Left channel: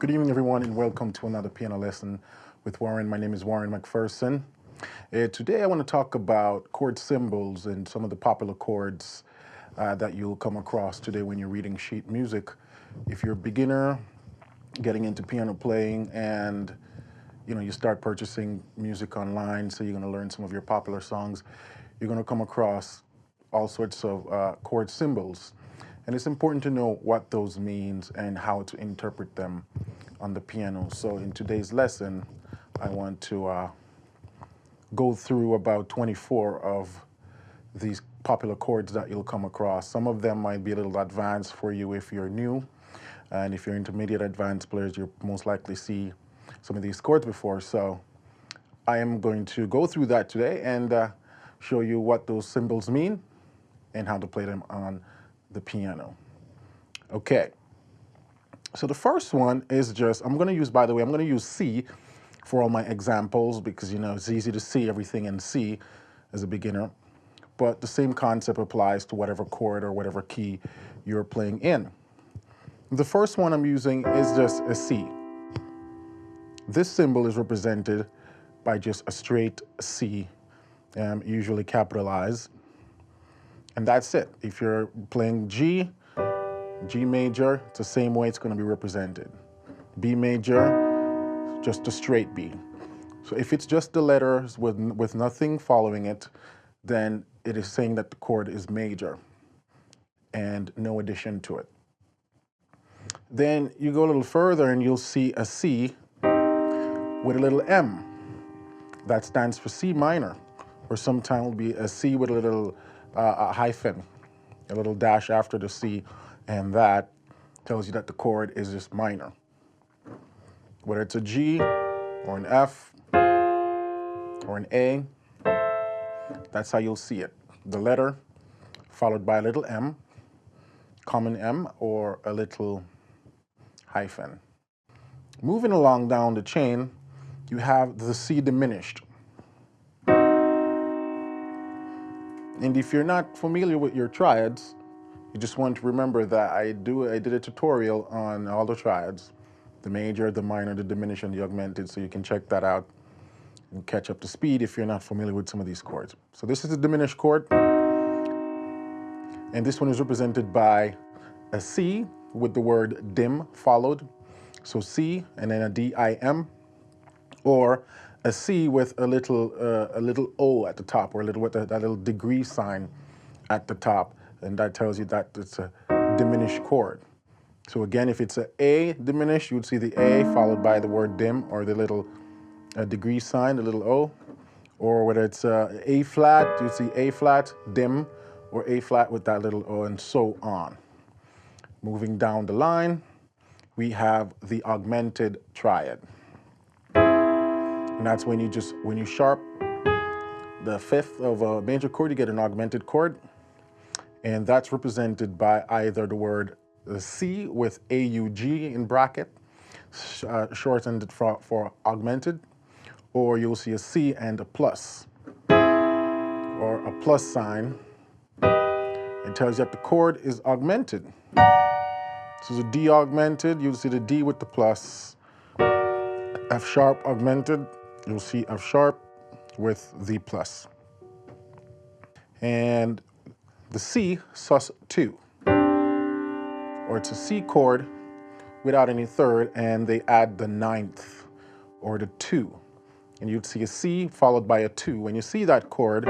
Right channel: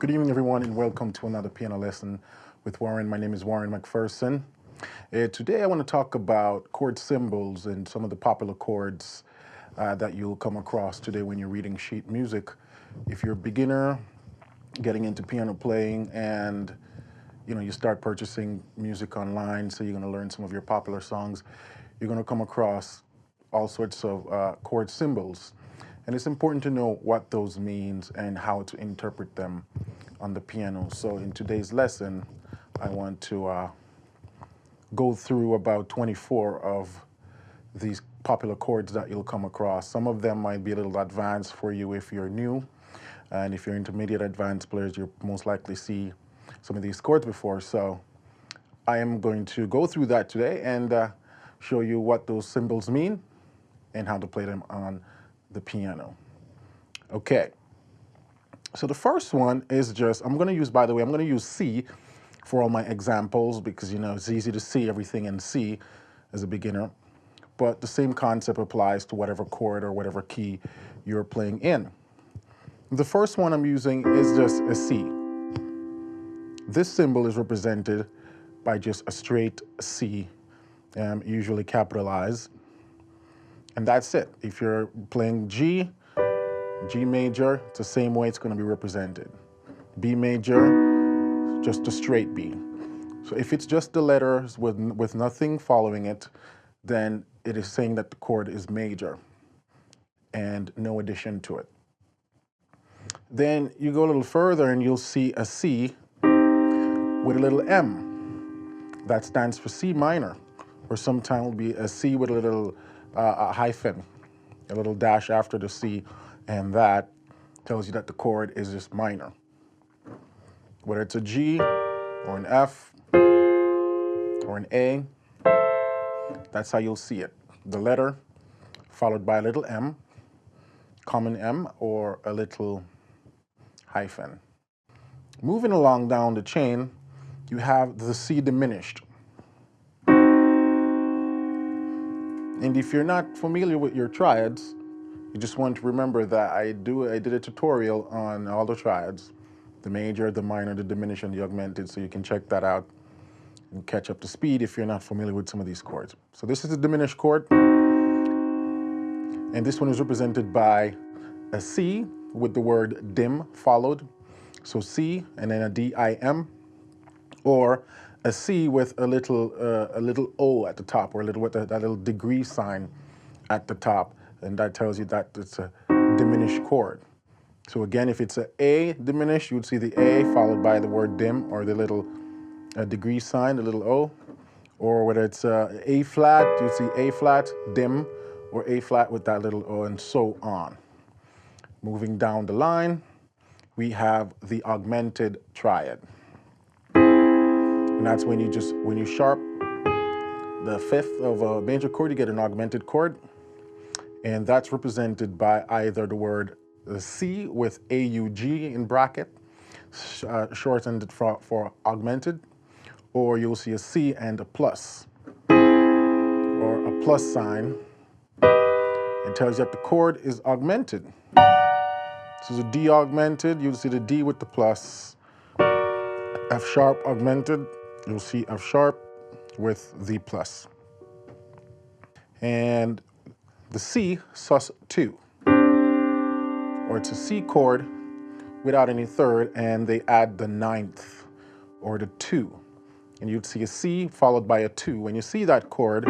Good evening, everyone, and welcome to another piano lesson with Warren. My name is Warren Macpherson. Today I want to talk about chord symbols and some of the popular chords that you'll come across today when you're reading sheet music. If you're a beginner getting into piano playing and you start purchasing music online, so you're going to learn some of your popular songs, you're going to come across all sorts of chord symbols. And it's important to know what those means and how to interpret them on the piano. So in today's lesson, I want to go through about 24 of these popular chords that you'll come across. Some of them might be a little advanced for you if you're new. And if you're intermediate advanced players, you'll most likely see some of these chords before. So I am going to go through that today and show you what those symbols mean and how to play them on the piano. Okay, so the first one is just, I'm going to use C for all my examples because, it's easy to see everything in C as a beginner. But the same concept applies to whatever chord or whatever key you're playing in. The first one I'm using is just a C. This symbol is represented by just a straight C, usually capitalized. And that's it. If you're playing G major, it's the same way it's going to be represented. B major, just a straight B. So if it's just the letters with nothing following it, then it is saying that the chord is major and no addition to it. Then you go a little further and you'll see a C with a little M. That stands for C minor, or sometimes will be a C with a little a hyphen, a little dash after the C, and that tells you that the chord is just minor. Whether it's a G or an F or an A, that's how you'll see it. The letter followed by a little M, common M, or a little hyphen. Moving along down the chain, you have the C diminished. And if you're not familiar with your triads, you just want to remember that I did a tutorial on all the triads, the major, the minor, the diminished, and the augmented, so you can check that out and catch up to speed if you're not familiar with some of these chords. So this is the diminished chord, and this one is represented by a C with the word dim followed. So C and then a D-I-M, or a C with a little O at the top, or that little degree sign at the top, and that tells you that it's a diminished chord. So again, if it's an A diminished, you would see the A followed by the word dim, or the little degree sign, the little O. Or whether it's A flat, you'd see A flat, dim, or A flat with that little O, and so on. Moving down the line, we have the augmented triad. And that's when you sharp the fifth of a major chord, you get an augmented chord. And that's represented by either the word C with A-U-G in bracket, shortened for augmented, or you'll see a C and a plus, or a plus sign. It tells you that the chord is augmented. So the D augmented, you'll see the D with the plus. F sharp augmented, you'll see F sharp with the plus. And the C sus2, or it's a C chord without any third, and they add the ninth, or the 2. And you'd see a C followed by a 2. When you see that chord,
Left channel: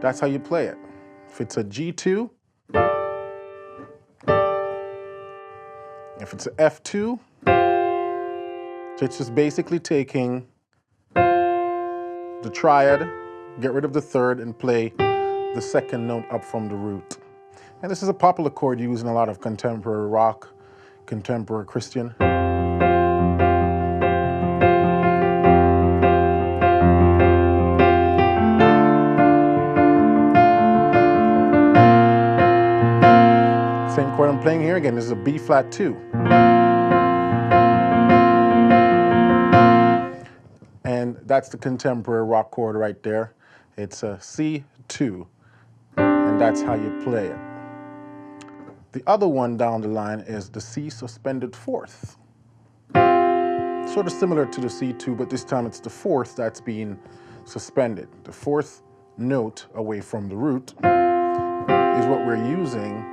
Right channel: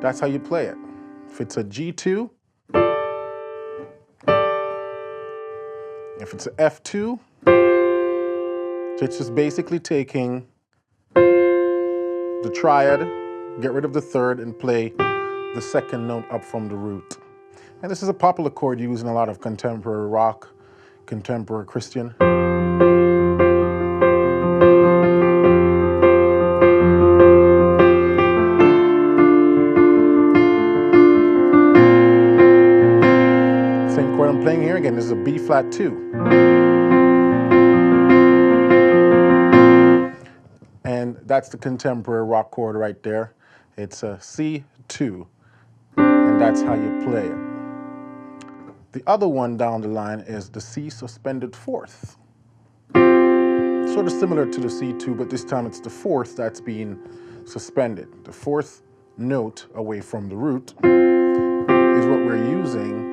that's how you play it. If it's a G2, if it's a F2, so it's just basically taking the triad, get rid of the third, and play the second note up from the root. And this is a popular chord used in a lot of contemporary rock, contemporary Christian. Same chord I'm playing here again, this is a B flat 2. And that's the contemporary rock chord right there. It's a C2, and that's how you play it. The other one down the line is the C suspended fourth. Sort of similar to the C2, but this time it's the fourth that's being suspended. The fourth note away from the root is what we're using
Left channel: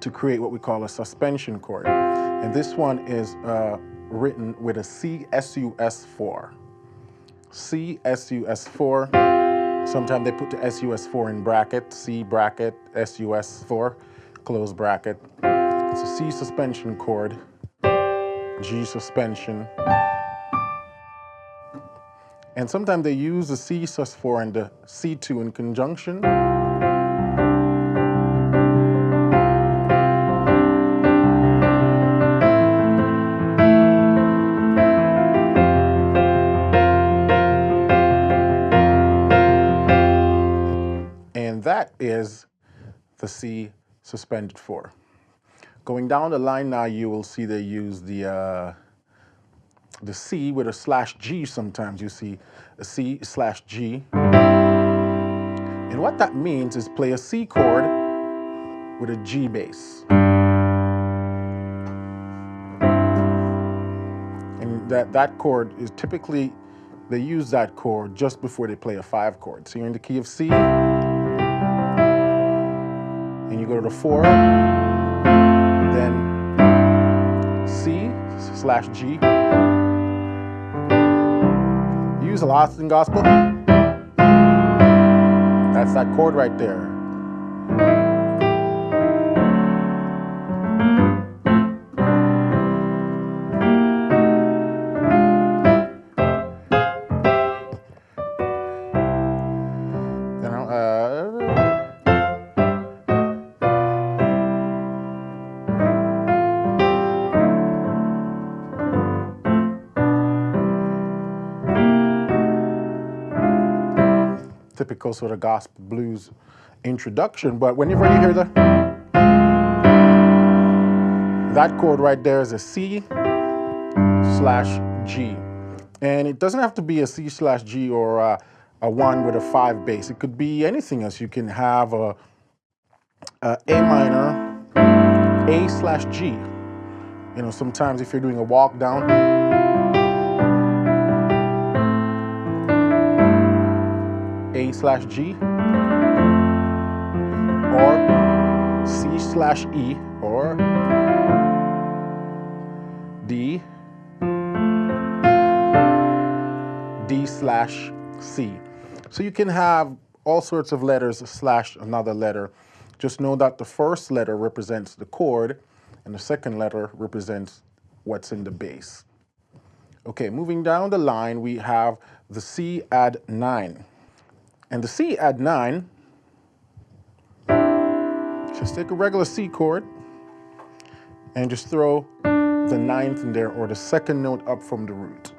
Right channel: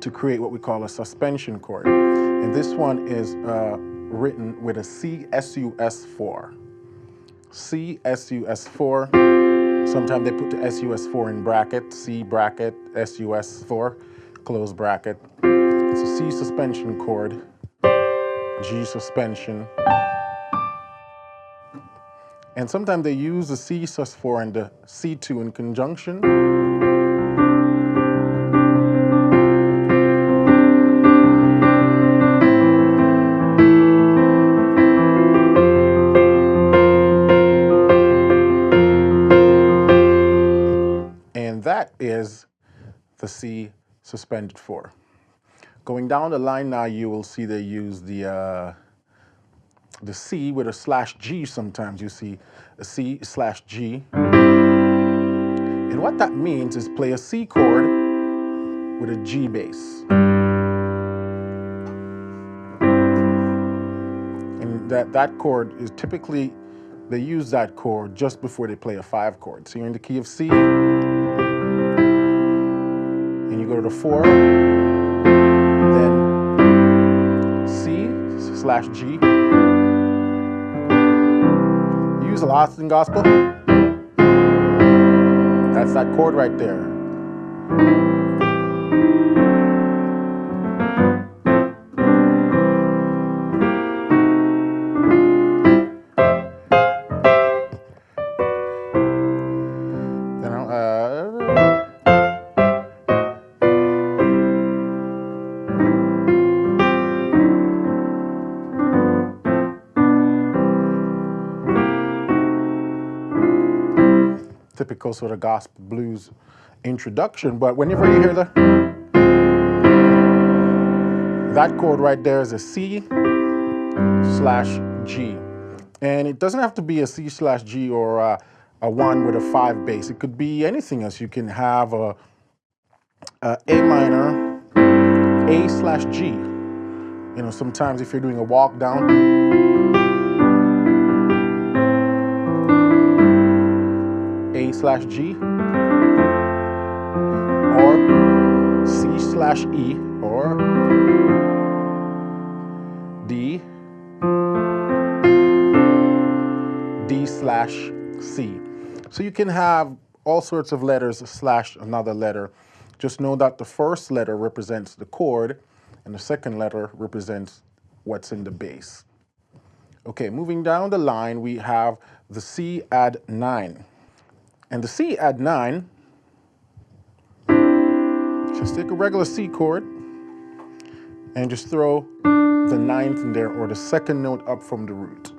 to create what we call a suspension chord. And this one is written with a C sus4. C sus4. Sometimes they put the sus4 in bracket, C bracket, sus4, close bracket. It's a C suspension chord, G suspension. And sometimes they use the C sus4 and the C2 in conjunction. And that is the C suspended 4. Going down the line now, you will see they use the C with a /G sometimes. You see a C/G. And what that means is play a C chord with a G bass. And that chord is typically, they use that chord just before they play a 5 chord. So you're in the key of C, and you go to the 4, then C/G. Use a Lost in Gospel. That's that chord right there. You know, typical sort of gospel blues introduction, but whenever you hear that chord right there is a C/G. And it doesn't have to be a C/G or a 1 with a 5 bass. It could be anything else. You can have a A minor, A/G. You know, sometimes if you're doing a walk down, A/G, or C/E, or D/C. So you can have all sorts of letters / another letter. Just know that the first letter represents the chord and the second letter represents what's in the bass. Okay, moving down the line, we have the Cadd9. And the Cadd9, just take a regular C chord and just throw the 9th in there, or the second note up from the root.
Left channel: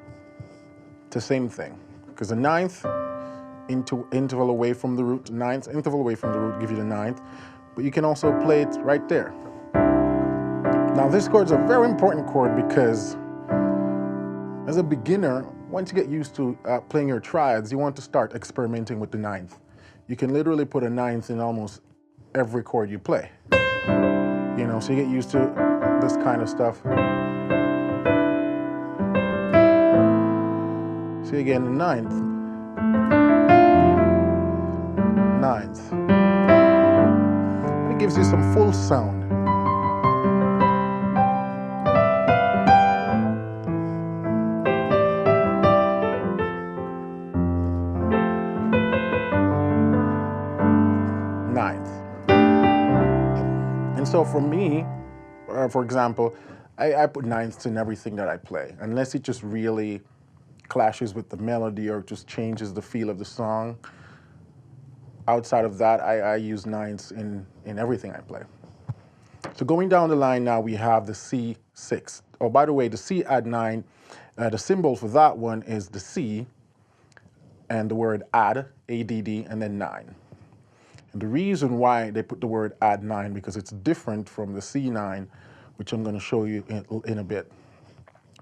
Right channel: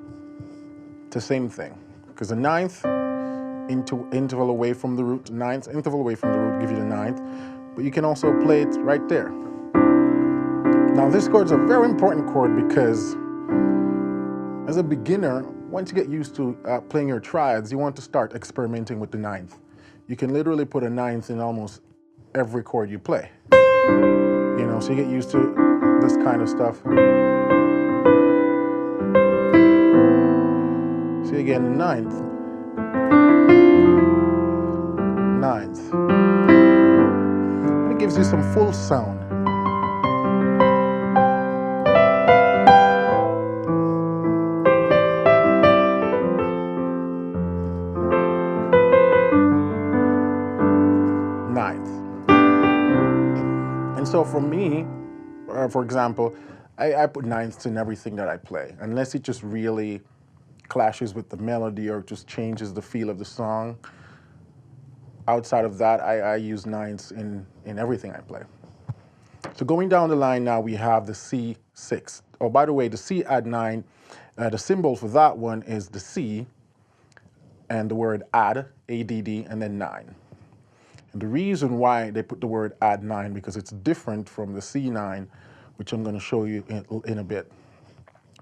It's the same thing, because the 9th interval away from the root, 9th interval away from the root give you the 9th, but you can also play it right there. Now this chord is a very important chord because as a beginner, once you get used to playing your triads, you want to start experimenting with the 9th. You can literally put a 9th in almost every chord you play. You know, so you get used to this kind of stuff. See again, the 9th. And it gives you some full sound. And so for me, for example, I put 9ths in everything that I play, unless it just really clashes with the melody or just changes the feel of the song. Outside of that, I use 9ths in everything I play. So going down the line now, we have the C6. Oh, by the way, the Cadd9, the symbol for that one is the C and the word add, A-D-D, and then 9. And the reason why they put the word Cadd9 because it's different from the C9, which I'm going to show you in a bit.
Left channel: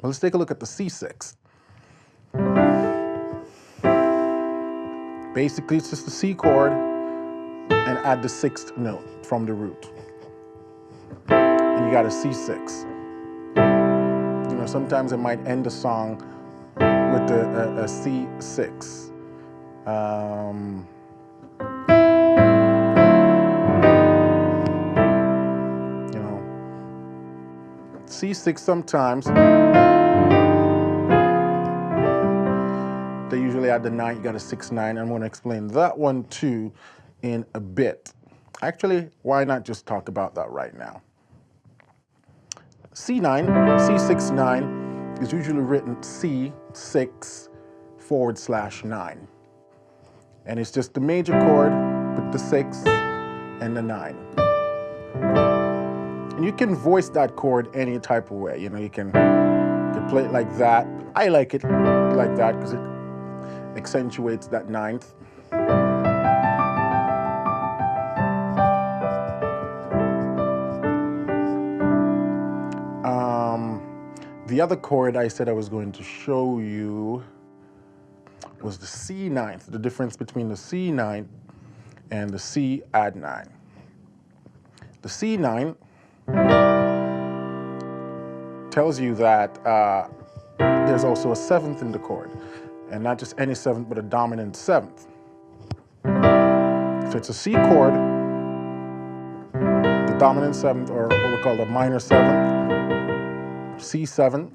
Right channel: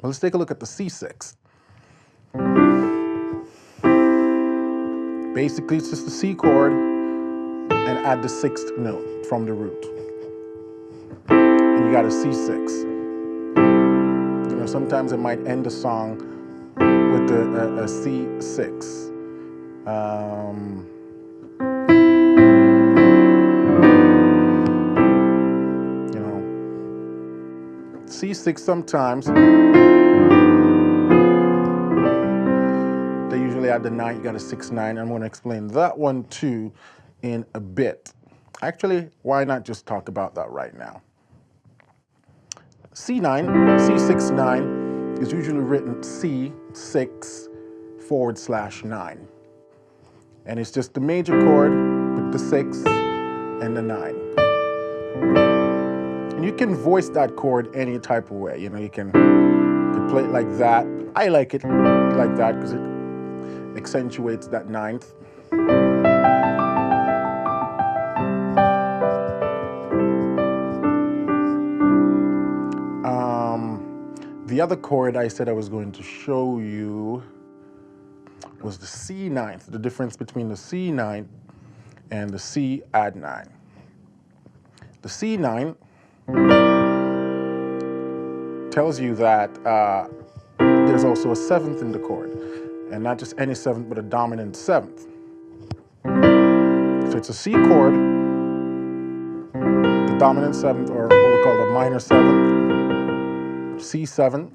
Well, let's take a look at the C6. Basically, it's just the C chord and add the 6th note from the root. And you got a C6. You know, sometimes it might end the song with a C6. You know, C6 sometimes. They usually add the 9, you got a 6/9. I'm going to explain that one too in a bit. Actually, why not just talk about that right now? C9, C6/9 is usually written C6/9. And it's just the major chord with the 6 and the 9. And you can voice that chord any type of way. You know, you can play it like that. I like it like that because it accentuates that 9th. The other chord I said I was going to show you was the C9th, the difference between the C9 and the C add 9. The C9 tells you that there's also a 7th in the chord, and not just any 7th, but a dominant 7th. So it's a C chord, the dominant 7th, or what we call the minor 7th, C7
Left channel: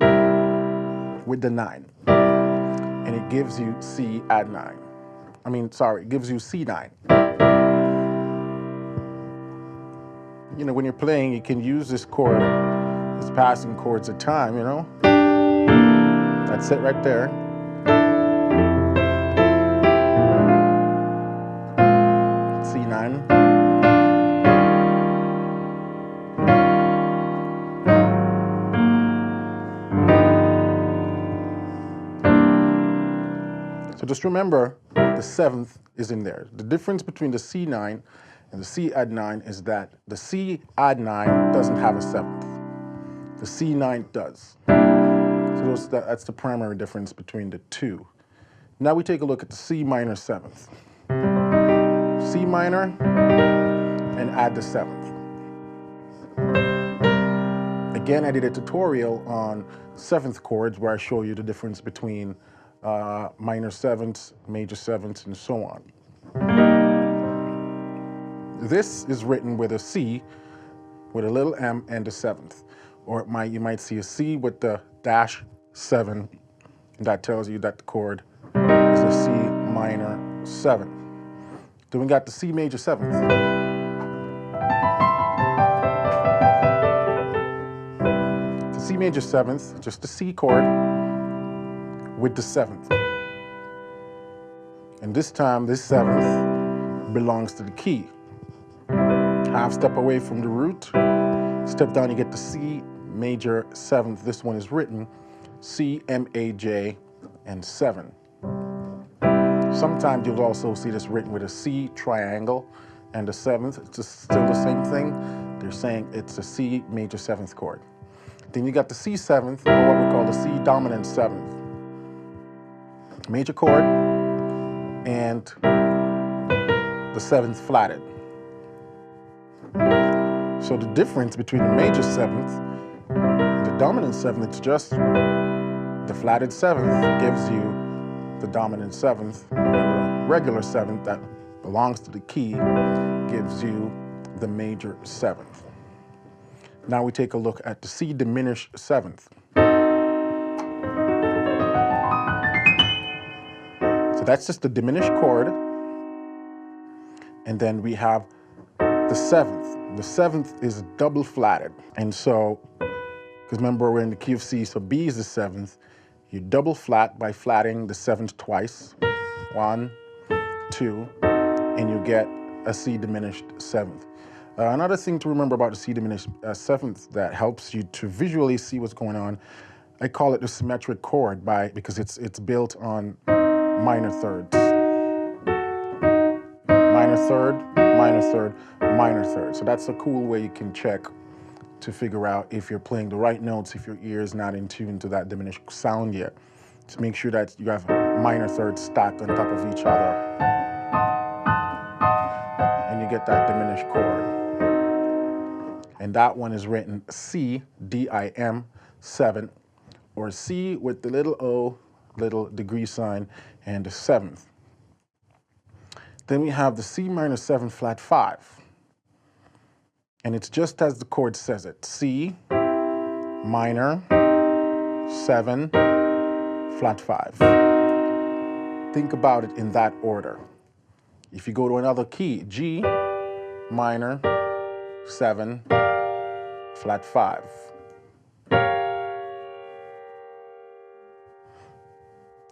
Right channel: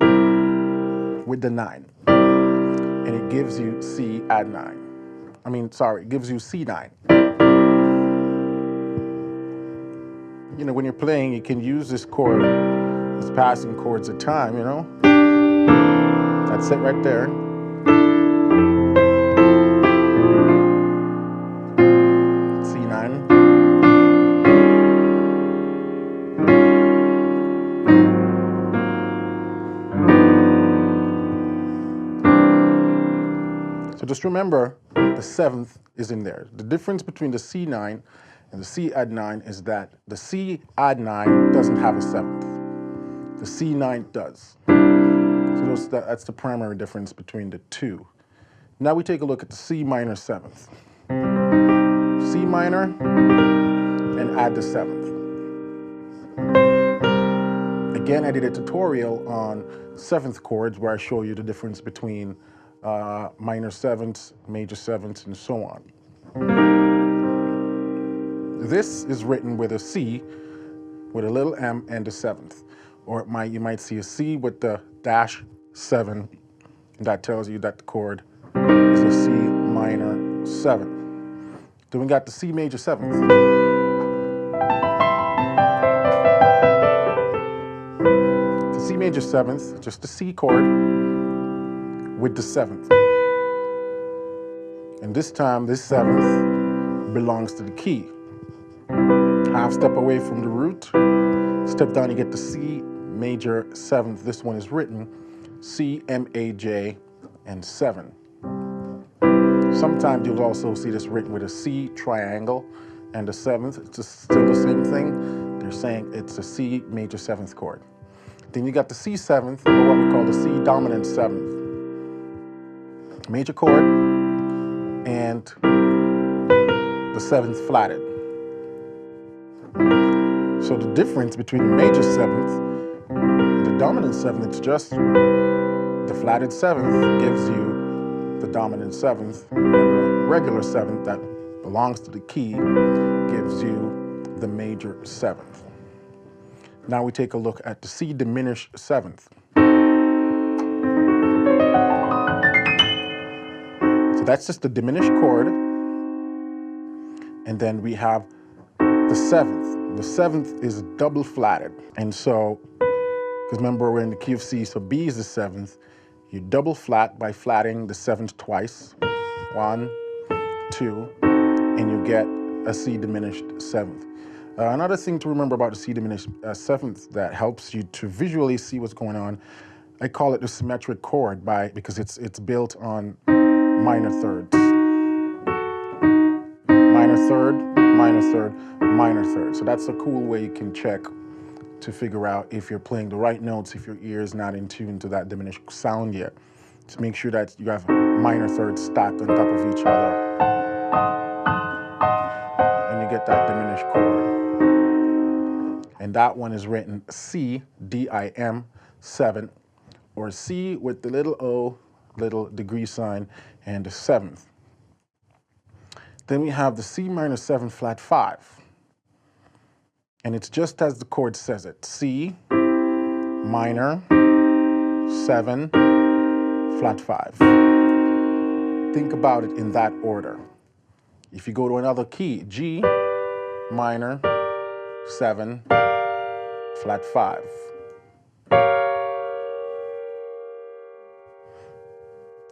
with the 9, and it gives you C add 9. I mean, sorry, it gives you C9. You know, when you're playing, you can use this chord as passing chords of time, you know. That's it right there. C9. So just remember, the 7th is in there. The difference between the C9 and the C add 9 is that the C add 9 doesn't have a 7th. The C9 does. So that's the primary difference between the two. Now we take a look at the C minor 7th. C minor and add the 7th. Again, I did a tutorial on 7th chords where I show you the difference between minor 7ths, major 7ths, and so on. This is written with a C with a little m and a 7th. Or you might see a C with the -7, and that tells you that the chord is a C minor 7. Then we got the C major 7th. The C major 7th, just the C chord with the 7th. And this time, this 7th belongs to the key. Half step away from the root, step down, you get the C major 7th. This one is written C, M, A, J, and 7. Sometimes you'll also see this written with a C triangle and the 7th. It's still the same thing. They're saying it's a C major 7th chord. Then you got the C 7th, or what we call the C dominant 7th. Major chord and the 7th flatted. So the difference between the major 7th and the dominant 7th, it's just the flatted 7th gives you the dominant 7th, and the regular 7th that belongs to the key gives you the major 7th. Now we take a look at the C diminished 7th. So that's just the diminished chord, and then we have the 7th. The 7th is double flatted, and so, because remember we're in the key of C, so B is the 7th. You double flat by flatting the 7th twice, 1, 2, and you get a C diminished 7th. Another thing to remember about the C diminished 7th that helps you to visually see what's going on, I call it the symmetric chord because it's built on minor thirds. Minor third, minor third, minor third. So that's a cool way you can check to figure out if you're playing the right notes, if your ear is not in tune to that diminished sound yet. To make sure that you have minor thirds stacked on top of each other. And you get that diminished chord. And that one is written C, D-I-M, 7th, or C with the little O, little degree sign, and the 7th. Then we have the C minor 7 flat 5. And it's just as the chord says it. C minor 7 flat 5. Think about it in that order. If you go to another key, G minor 7 flat 5.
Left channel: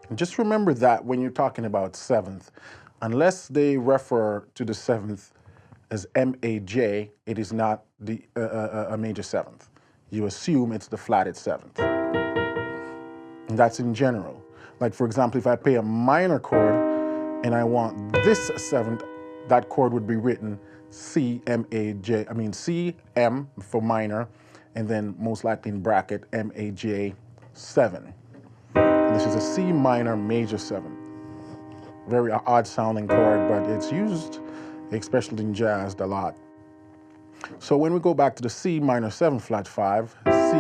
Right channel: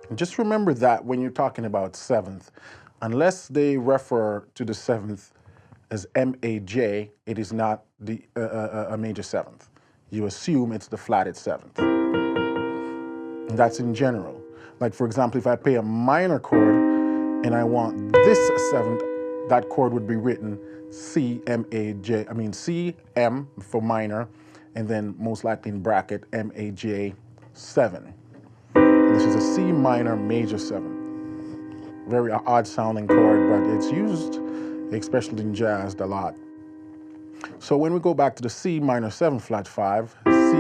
And just remember that when you're talking about 7th, unless they refer to the 7th as M-A-J, it is not a major 7th. You assume it's the flatted 7th. And that's in general. Like, for example, if I play a minor chord and I want this 7th, that chord would be written C-M-A-J, C-M for minor, and then most likely in bracket M-A-J 7. And this is a C minor major 7. Very odd sounding chord, but it's used, especially in jazz, a lot. So when we go back to the C minor 7 flat 5, C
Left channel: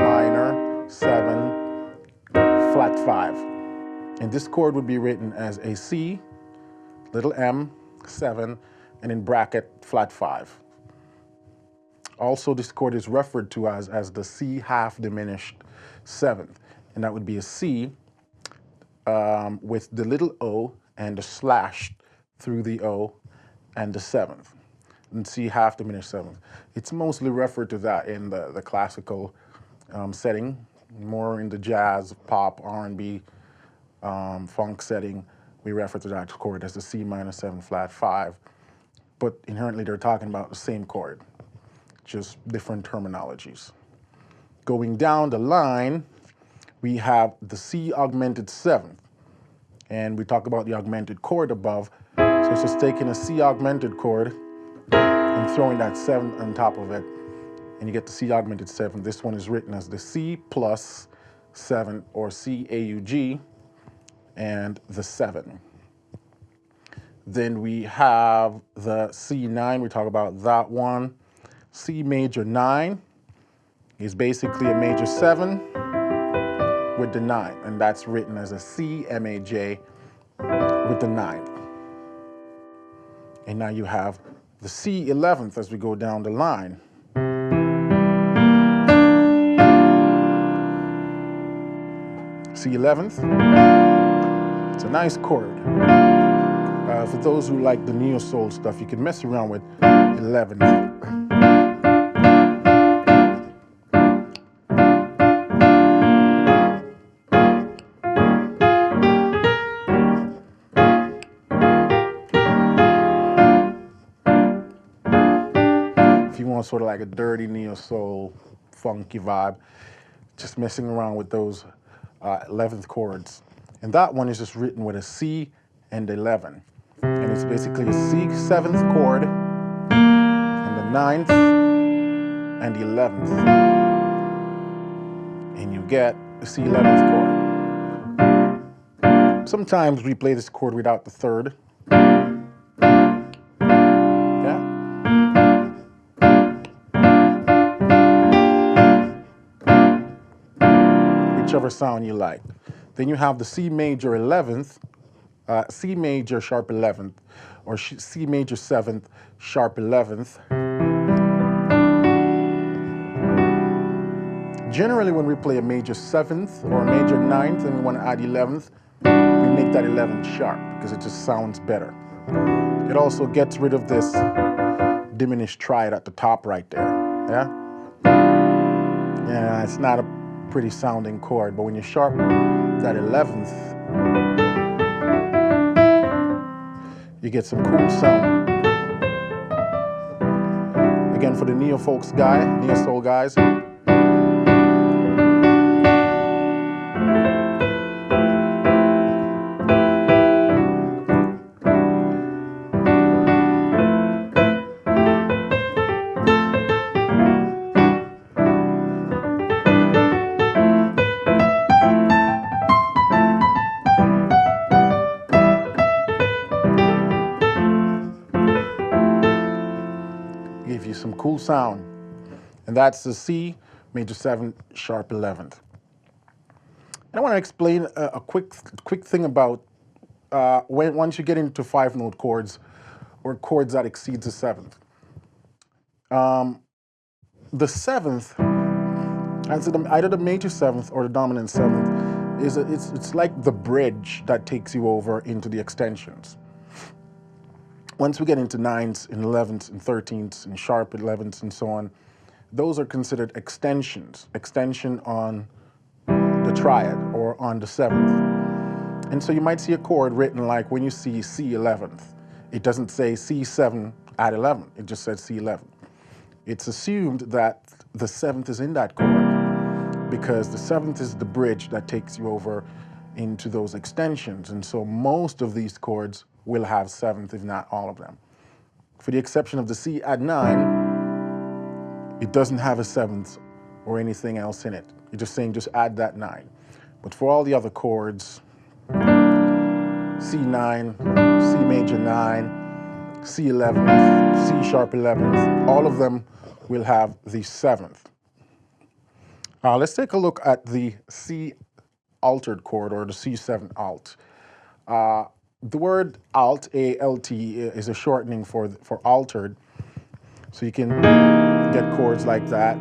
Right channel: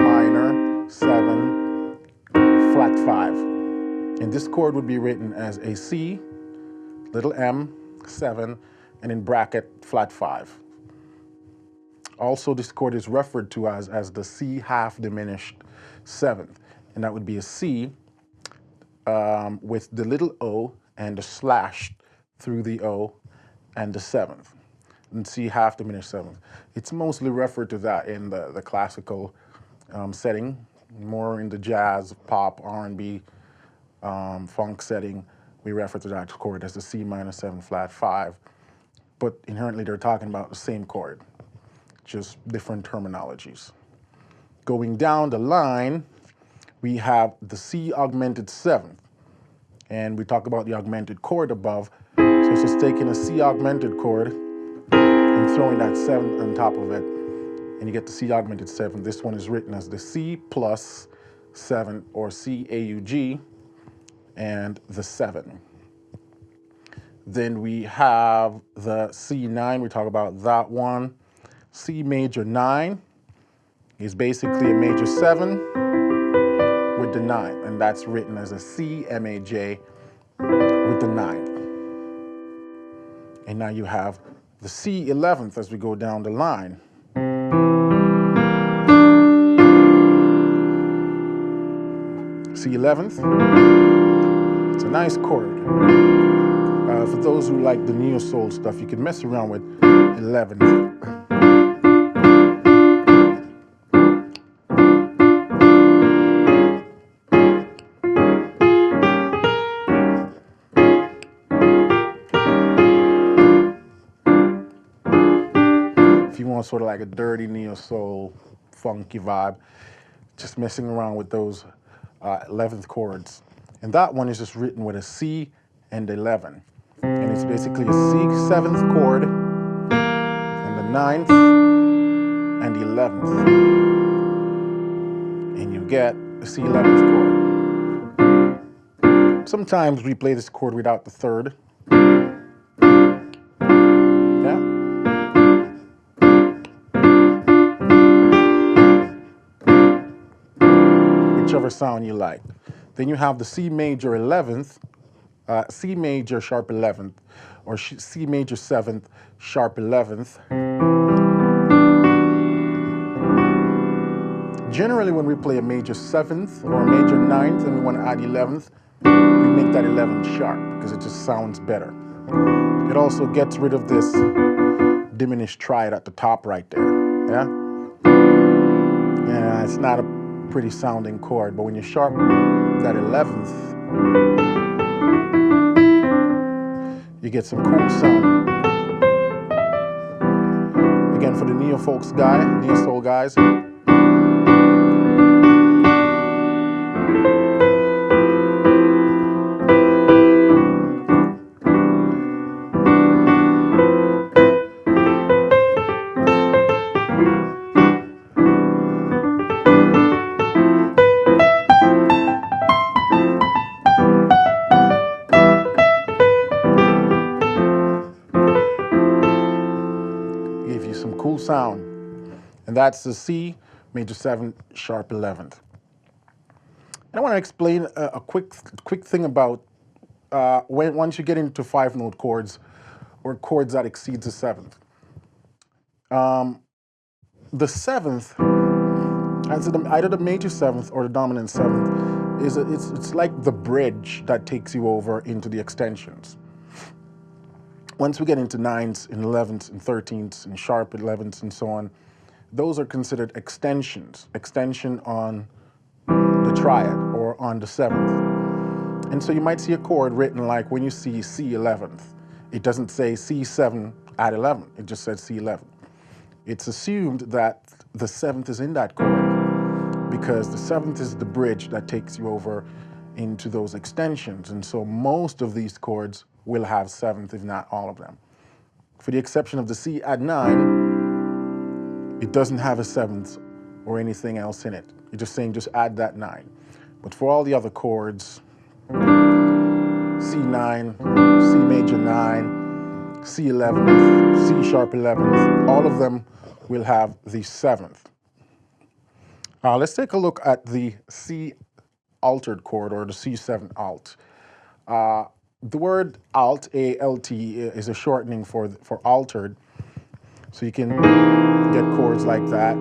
minor 7 flat 5. And this chord would be written as a C, little m, 7, and in bracket flat 5. Also, this chord is referred to as the C half diminished 7th. And that would be a C with the little O and the slash through the O and the 7th. And C half diminished 7th. It's mostly referred to that in the classical setting, more in the jazz, pop, R&B, funk setting. We refer to that chord as the C minor 7 flat 5. But inherently, they're talking about the same chord, just different terminologies. Going down the line, we have the C augmented 7th. And we talk about the augmented chord above. So it's just taking a C augmented chord and throwing that 7th on top of it, and you get the C augmented 7th. This one is written as the C plus 7, or C AUG, and the 7. Then we have the C9, we talk about that one. C major 9 is basically a major 7 with the 9, and that's written as a C MAJ with the 9th. And now you have the C 11th as we go down the line. C 11th, it's a nice chord. For those who like the neo soul stuff, you can mess around with 11th. If you want sort of like a dirty neo soul, funky vibe, just messing around with those 11th chords. And that one is just written with a C and 11. And it's basically a C 7th chord and the 9th and the 11th. And you get a C 11th chord. Sometimes we play this chord without the 3rd. Yeah. Whichever sound you like. Then you have the C major 11th, C major sharp 11th, or C major 7th sharp 11th. Generally, when we play a major 7th or a major 9th and we want to add 11th, we make that 11th sharp because it just sounds better. It also gets rid of this diminished triad at the top right there. Yeah? Yeah, it's not a pretty sounding chord, but when you sharp that 11th, you get some cool sound. Again, for the neo folks neo soul guys, give you some cool sound. And that's the C major 7 sharp 11th. And I want to explain a quick thing about once you get into 5-note chords or chords that exceeds the 7th. The 7th, either the major 7th or the dominant 7th, it's like the bridge that takes you over into the extensions. Once we get into 9ths and 11ths and 13ths and sharp 11ths and so on, those are considered extensions, extension on the triad or on the 7th. And so you might see a chord written like when you see C 11th. It doesn't say C7 at 11, it just says C11. It's assumed that the 7th is in that chord because the 7th is the bridge that takes you over into those extensions. And so most of these chords will have 7th, if not all of them. For the exception of the C add 9, it doesn't have a 7th or anything else in it. You're just saying just add that 9. But for all the other chords, C9, C major 9, C 11th, C sharp 11th, all of them will have the 7th. Let's take a look at the C altered chord or the C7 alt. The word alt, A-L-T, is a shortening for altered. So you can get chords like that.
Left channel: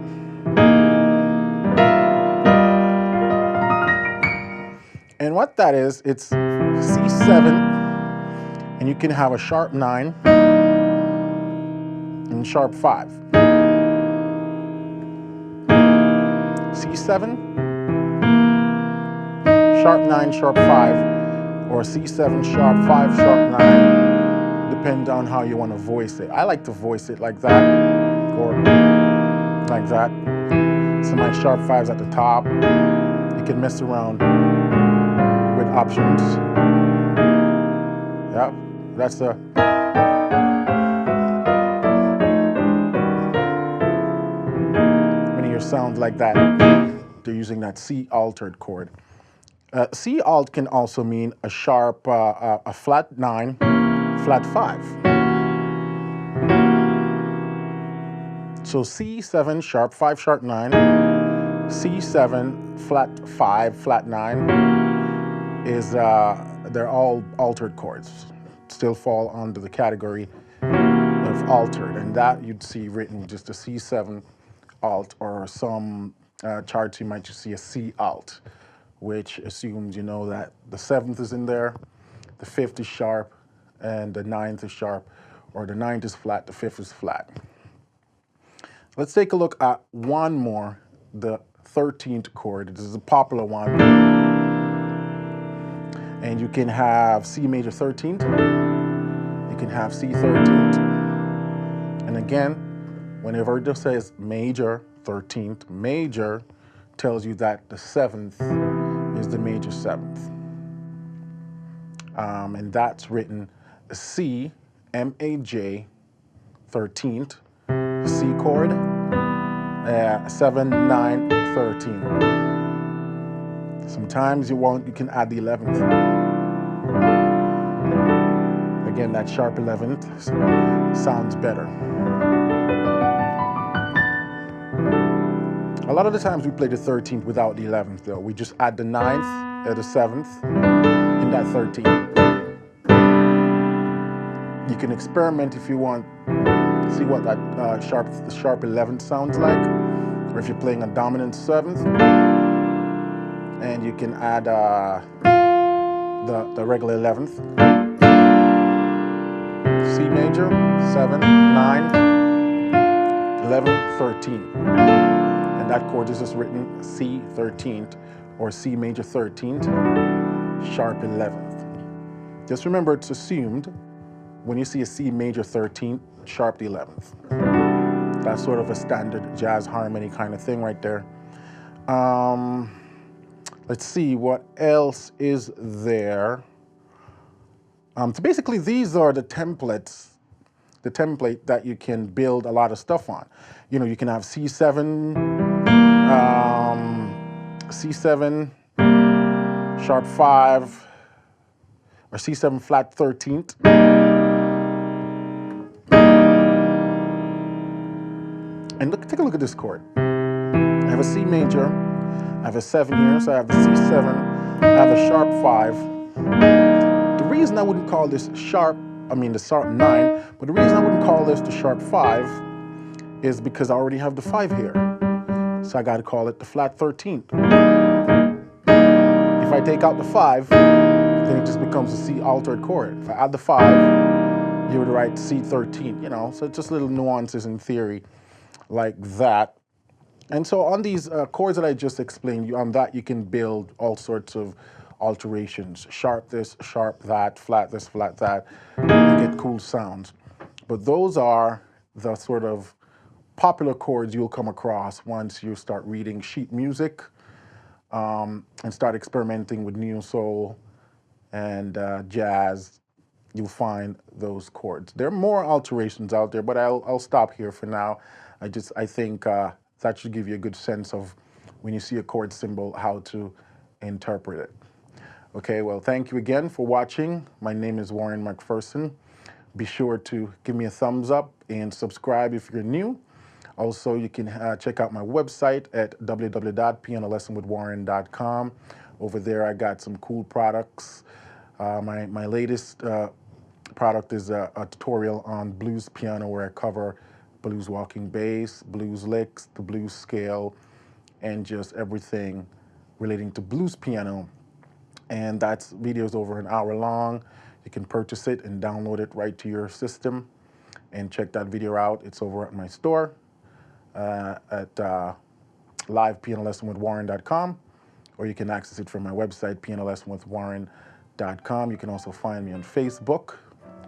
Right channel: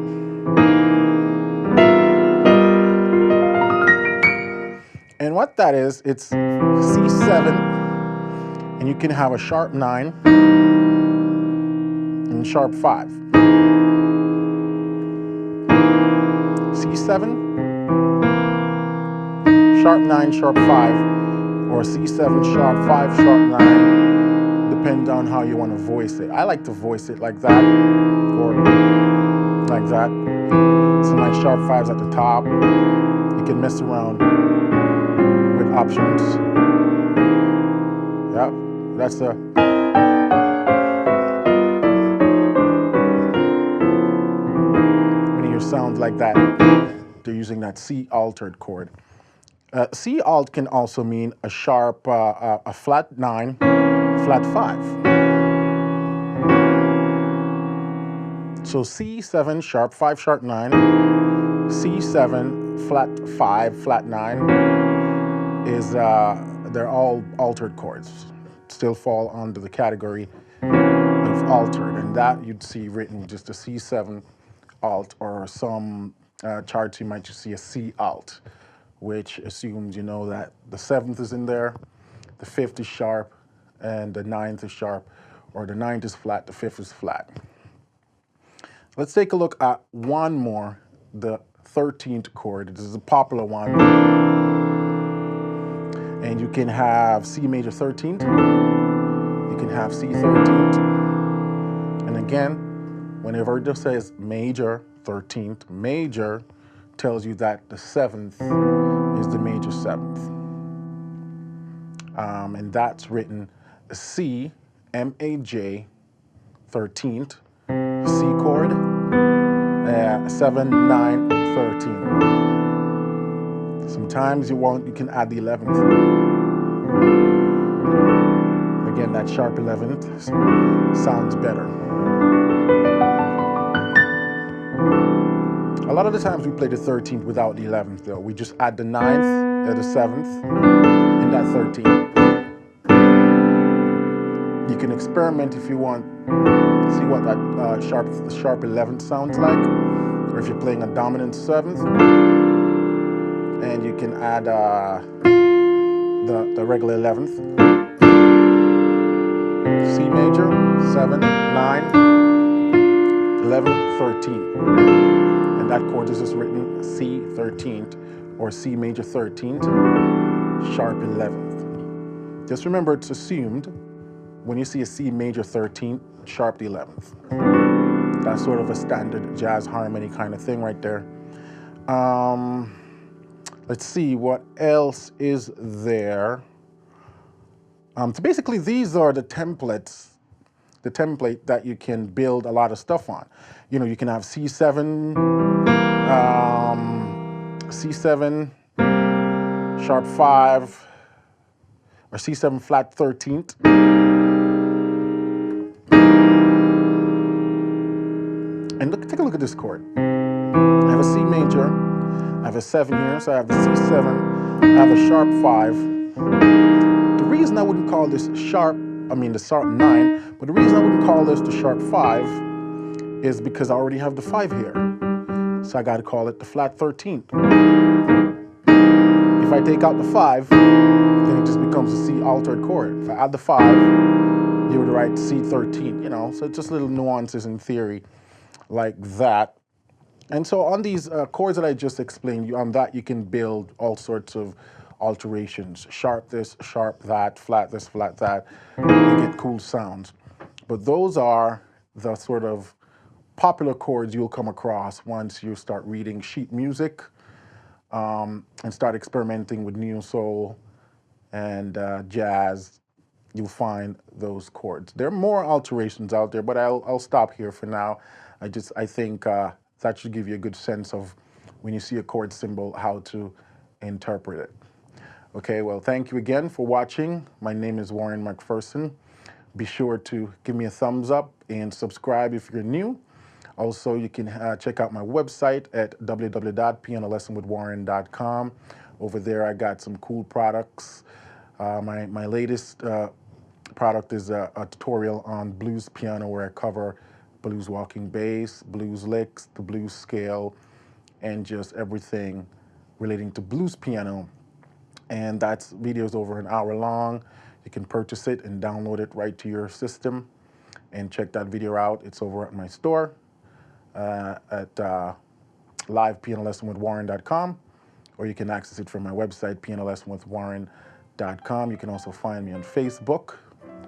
And what that is, it's C7, and you can have a sharp 9 and sharp 5. C7, sharp 9, sharp 5. Or C7 sharp 5 sharp 9, depends on how you want to voice it. I like to voice it like that, or like that. So my sharp 5's at the top. You can mess around with options. Yep, that's the. When you hear sounds like that, they're using that C altered chord. C alt can also mean a sharp, a flat 9, flat 5. So C7 sharp 5 sharp 9, C7 flat 5 flat 9 is they're all altered chords. Still fall under the category of altered, and that you'd see written just a C7 alt, or some charts you might just see a C alt, which assumes you know that the 7th is in there, the 5th is sharp, and the 9th is sharp, or the 9th is flat, the 5th is flat. Let's take a look at one more, the 13th chord. This is a popular one. And you can have C major 13th, you can have C 13th, and again, whenever it just says major 13th, major tells you that the 7th is the major 7th. And that's written C, M-A-J, 13th, C chord, 7, 9, 13. Sometimes you can add the 11th. Again, that sharp 11th sounds better. A lot of the times we play the 13th without the 11th though. We just add the 9th, the 7th, and that 13th. You can experiment if you want, see what that sharp 11th sounds like, or if you're playing a dominant 7th, and you can add the regular 11th. C major, 7, 9, 11, 13. And that chord is just written C 13th or C major 13th, sharp 11th. Just remember it's assumed when you see a C major 13th, sharp 11th. That's sort of a standard jazz harmony kind of thing right there. Let's see what else is there. So basically these are the templates, the template that you can build a lot of stuff on. You know, you can have C7, C7, sharp 5, or C7 flat 13th. And look, take a look at this chord. I have a C major, I have a 7 here, so I have the C7, I have a sharp 5. The reason I wouldn't call this sharp, the sharp 9, but the reason I wouldn't call this the sharp 5 is because I already have the 5 here. So I got to call it the flat 13th. If I take out the 5, then it just becomes a C altered chord. If I add the 5, you would write C13, you know, so just little nuances in theory like that. And so on these chords that I just explained, on that you can build all sorts of alterations. Sharp this, sharp that, flat this, flat that, and get cool sounds. But those are the sort of popular chords you'll come across once you start reading sheet music and start experimenting with neo soul and jazz. You'll find those chords. There are more alterations out there, but I'll stop here for now. I think that should give you a good sense of when you see a chord symbol, how to interpret it. Okay, well, thank you again for watching. My name is Warren Macpherson. Be sure to give me a thumbs up and subscribe if you're new. Also, you can check out my website at www.pianolessonwithwarren.com. Over there, I got some cool products. My latest product is a tutorial on blues piano where I cover blues walking bass, blues licks, the blues scale, and just everything relating to blues piano. And that video is over an hour long. You can purchase it and download it right to your system and check that video out. It's over at my store at livepianolessonwithwarren.com, or you can access it from my website, pianolessonwithwarren.com. You can also find me on Facebook,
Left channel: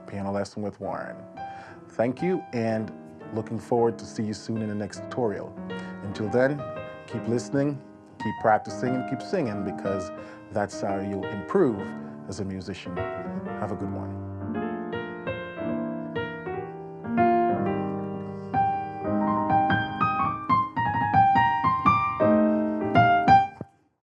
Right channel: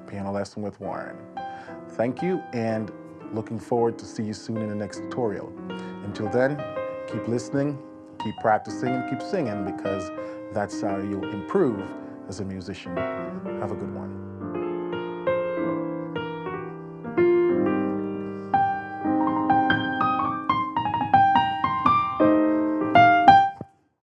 Piano Lesson with Warren. Thank you, and looking forward to see you soon in the next tutorial. Until then, keep listening, keep practicing, and keep singing, because that's how you'll improve as a musician. Have a good one.